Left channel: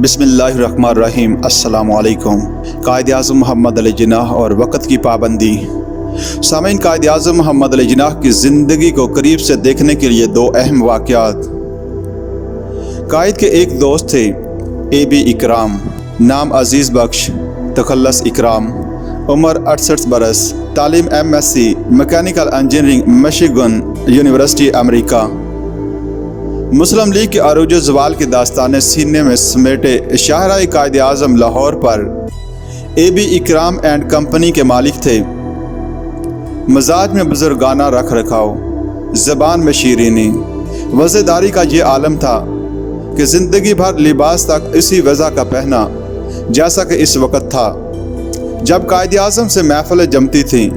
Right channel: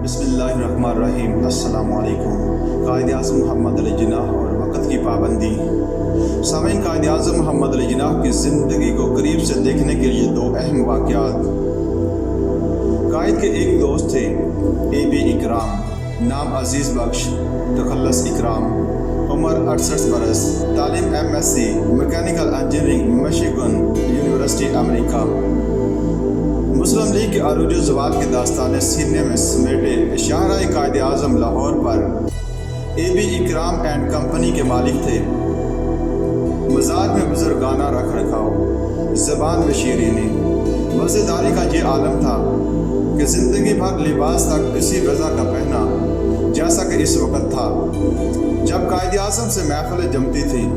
बिस्मिल्लाहिर्रहमानिर्रहीम। अस्सलामु अलैकुम। कायद-ए-आज़म मोहम्मद अली जिन्नाह और वक़्त की पाबंदी। सामीन, कायद-ए-आज़म मोहम्मद अली जिन्नाह की ज़िंदगी को करीब से देखने के लिए दो अहम वाक़यात। कायद के एक दोस्त थे ए.बी. इकराम, नाम अज़ीज़ बख्श, तखल्लुस इकराम, उम्र 68 बरस, तालीम MSc mechanical engineering, Michigan University, America. Muslim League के अरूज ज़वाल की दास्तानें सीने में समेटे शाहराए कायद-ए-आज़म लाहौर पर ए.बी. इकराम एंड कंपनी के मालिक थे। मजाज में बुजुर्गाना रख रखाव, ज़बान में शीरीनी, वज़ेदारी का ये आलम था कि ज़िंदगी भर लिबास तक इसी वज़ा का पहना, जैसा कि इस वक्त था जब कायद-ए-आज़म से महफ़िलें जमती थीं।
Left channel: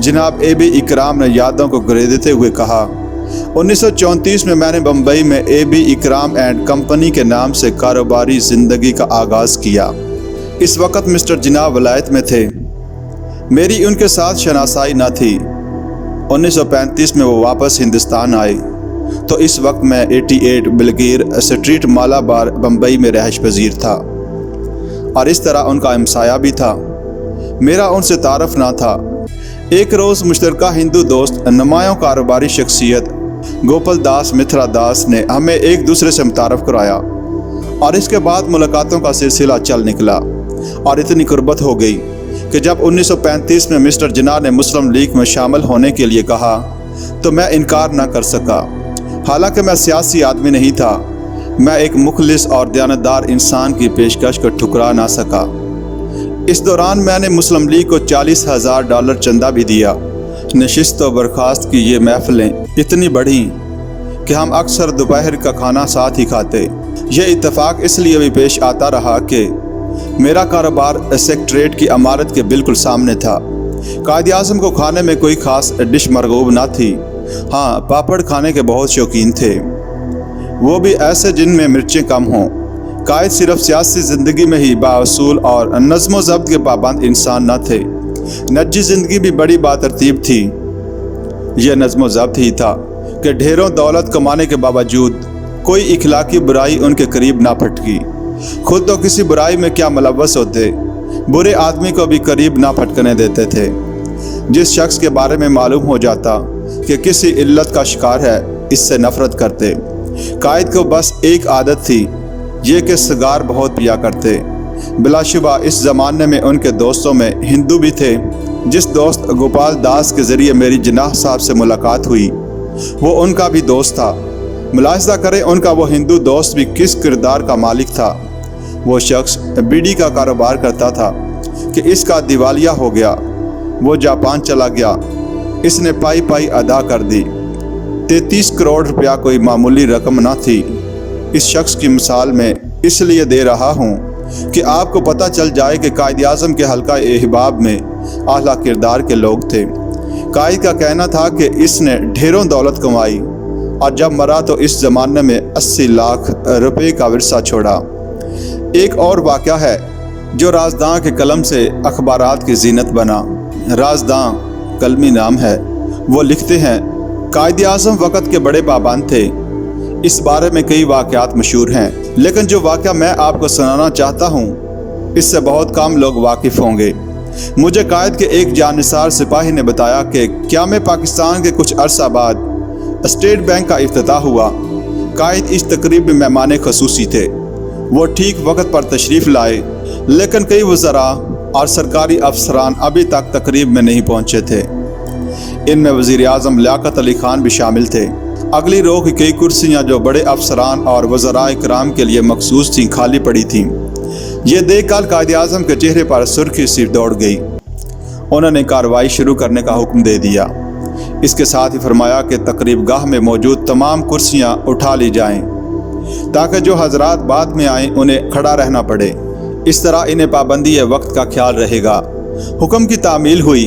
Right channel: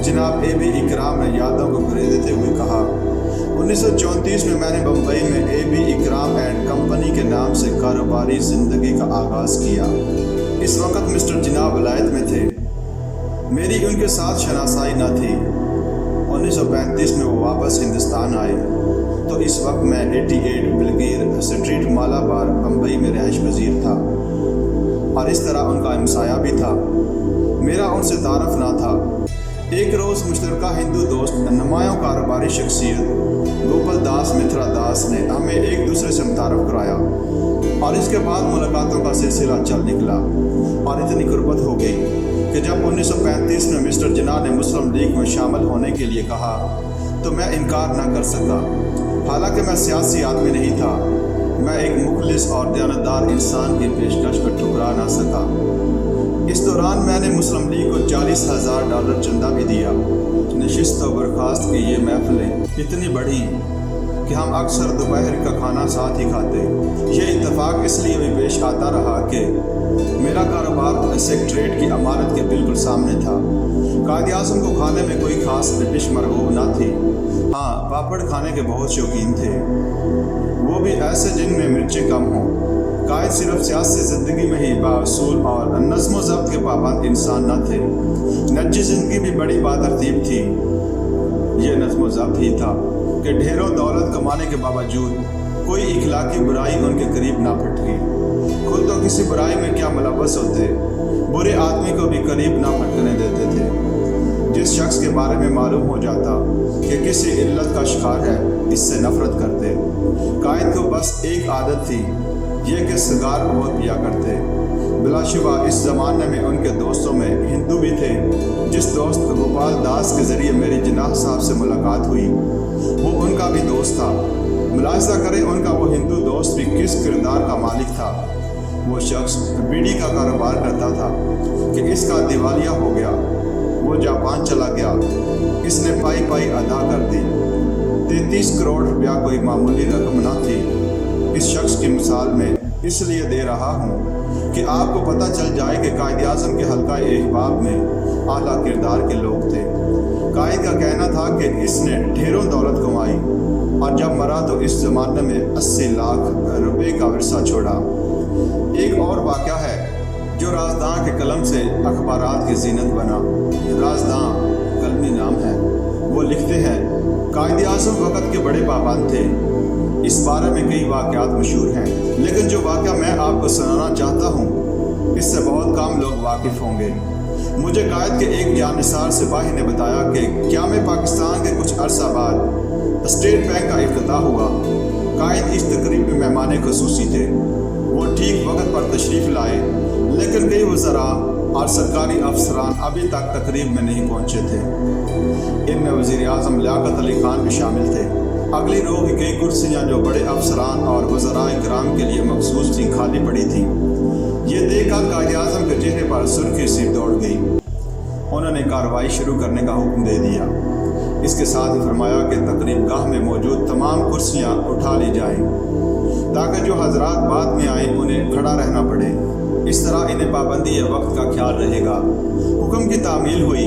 जनाब ए.बी. इकराम ने यादों को गरेदते हुए कहा, 1934 में मैंने बम्बई में ए.बी. इकराम एंड कंपनी के नाम से कारोबारी ज़िंदगी का आगाज़ किया। इस वक्त मिस्टर जिन्नाह वलायत में थे। मेरी उनके साथ शनासाई न थी। 1935 में वो वापस हिंदुस्तान आए तो इस वक्त मैं 88 बिलगीर स्ट्रीट, मालाबार, बम्बई में रहश पजीर था और इस तरह उनका हमसाया भी था। मेरा उनसे तारफ़ ना था। एक रोज़ मुश्तरका हिंदू दोस्त, नुमायां कारोबारी शख्सियत गोपाल दास मित्रा दास ने हमें एक दूसरे से मुतारफ़ कराया और इसके बाद मुलाकातों का सिलसिला चल निकला और इतनी कुर्बत हो गई कि जब 1935 में मिस्टर जिन्नाह ने मुस्लिम लीग में शामिल होने के लिए कहा तो मैं इनकार ना कर सका। हालांकि मैं सियासी आदमी नहीं था, मैं एक मुखलिस और दयानतदार इंसान की पेशकश को ठुकरा ना सका। इस दौरान मैंने मुस्लिम लीग को $40,000 चंदा भी दिया। नशिस्त व बर्खास्त की ये महफ़िलें इतनी बढ़ी कि हम अक्सर दोपहर का खाना साथ ही खाते। यह इत्तेफाक इसलिए भी पेश आता रहा कि मेरा कारोबार सेक्रेटरीट की इमारत के बिल्कुल सामने था। कायद-ए-आज़म को खाने में कोई ख़ास डिश मरगूब ना थी। हाँ, पापड़ खाने के बहुत शौकीन थे, वो भी ऐसे जिनमें मिर्चें कम हों। कायद सिर्फ सियासी ज़िंदगी में ही बाउसूल और नज़्म व ज़ब्त के पाबंद इंसान न थे, निजी ज़िंदगी भी बड़ी बातरतीब थी। यह नज़्म व ज़ब्त ही था कि ढेरों दौलत कमाने के बावजूद कोई इखलाकी बुराई उनके करीब ना फटकी। खुद तो किसी बुराई में क्या मुलव्वस होते, बुरे आदमी को भी करीब ना फटकने देते थे। जिस शख्स के बारे में मालूम हो जाता कि किसी इल्लत का शिकार है, इससे नफ़रत करते। कायद को बस एक आदत थी, ये कि सिगार बहुत पिया करते। बिलाशुबा इस ज़माने में उनके दोस्तों में हिंदू भी थे। जिस दोस्त गोपाल दास के ज़रिए मेरी जिन्नाह साहब से मुलाकात हुई, वो उनका भी दोस्त था। मुलाहिज़ा करें उनका वो हिंदू दोस्त भी किस किरदार का मालिक था। वो शख्स बीड़ी का कारोबार करता था कि इसका दिवालिया हो गया। वो जापान चला गया, इसने पाई पाई अदा कर दी। 33 करोड़ रुपया कोई मामूली रकम ना थी। इस शख्स की मिसाल मैं इसलिए दे रहा हूँ कि आपको पता चल जाए कि कायद-ए-आज़म के हल्का अहबाब में आला किरदार के लोग थे। कायद का कहना था कि इसने ढेरों दौलत कमाई और जब मरा तो इस ज़माने में 80 लाख रुपए का विरसा छोड़ा। एक और वाक़या है जो राजदां के कलम से अखबारात की जीनत बना। राजदां कलमी नाम है। वो लिखते हैं, कायद-ए-आज़म वक़्त के बड़े पाबंद थे। इस बारे में कई वाक़यात मशहूर हैं, लेकिन जो वाक़या मैं आपको सुनाना चाहता हूँ इससे बहुत कम लोग वाकिफ़ होंगे। मुझे कायद के एक जानिसार सिपाही ने बताया कि क़याम पाकिस्तान के कुछ अरसा बाद स्टेट बैंक का इफ्तिताह हुआ। कायद इस तकरीब में मेहमान ख़ुसूसी थे। वो ठीक वक्त पर तशरीफ़ लाए, लेकिन कई वज़रा और सरकारी अफसरान अभी तक तकरीब में नहीं पहुँचे थे। इनमें वज़ीर-ए-आज़म लियाकत अली ख़ान भी शामिल थे। अगली रो की कई कुर्सियाँ जो बड़े अफसरान और वज़राए किराम के लिए मखसूस थीं, खाली पड़ी थीं। ये देखकर कायद-ए-आज़म के चेहरे पर सुर्खी सी दौड़ गई। उन्होंने कार्रवाई शुरू करने का हुक्म दे दिया। इसके साथ ही फरमाया कि तकरीब गाह में मौजूद तमाम कुर्सियाँ उठा ली जाएँ ताकि जो हजरात बाद में आएँ उन्हें खड़ा रहना पड़े। इस तरह इन्हें पाबंदी वक्त का ख्याल रहेगा। हुक्म की तामील हुई।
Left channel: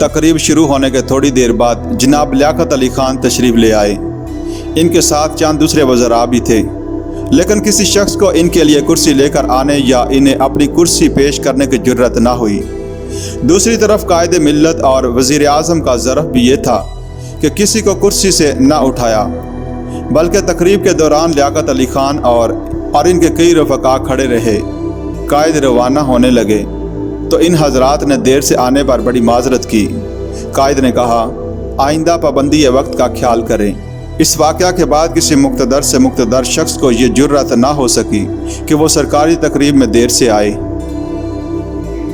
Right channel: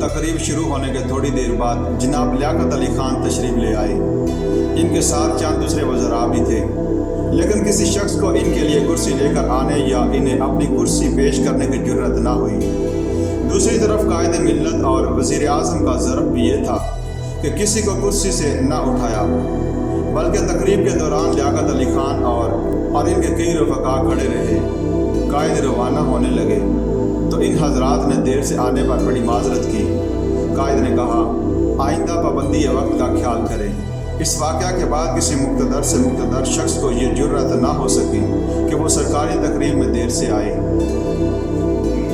तकरीब शुरू होने के थोड़ी देर बाद जनाब लियाकत अली ख़ान तशरीफ़ ले आए। इनके साथ चंद दूसरे वज़रा भी थे, लेकिन किसी शख्स को इनके लिए कुर्सी लेकर आने या इन्हें अपनी कुर्सी पेश करने की जुर्रत ना हुई। दूसरी तरफ कायद मिल्लत और वज़ीर-ए-आज़म का ज़रफ़ भी ये था कि किसी को कुर्सी से ना उठाया, बल्कि तकरीब के दौरान लियाकत अली ख़ान और اور ان کے کئی رفقا کھڑے رہے۔ قائد روانہ ہونے لگے تو ان حضرات نے دیر سے آنے پر بڑی معذرت کی۔ قائد نے کہا آئندہ پابندی وقت کا خیال کریں۔ اس واقعہ کے بعد کسی مقتدر سے مقتدر شخص کو یہ جرأت نہ ہو سکی کہ وہ سرکاری تقریب میں دیر سے آئے۔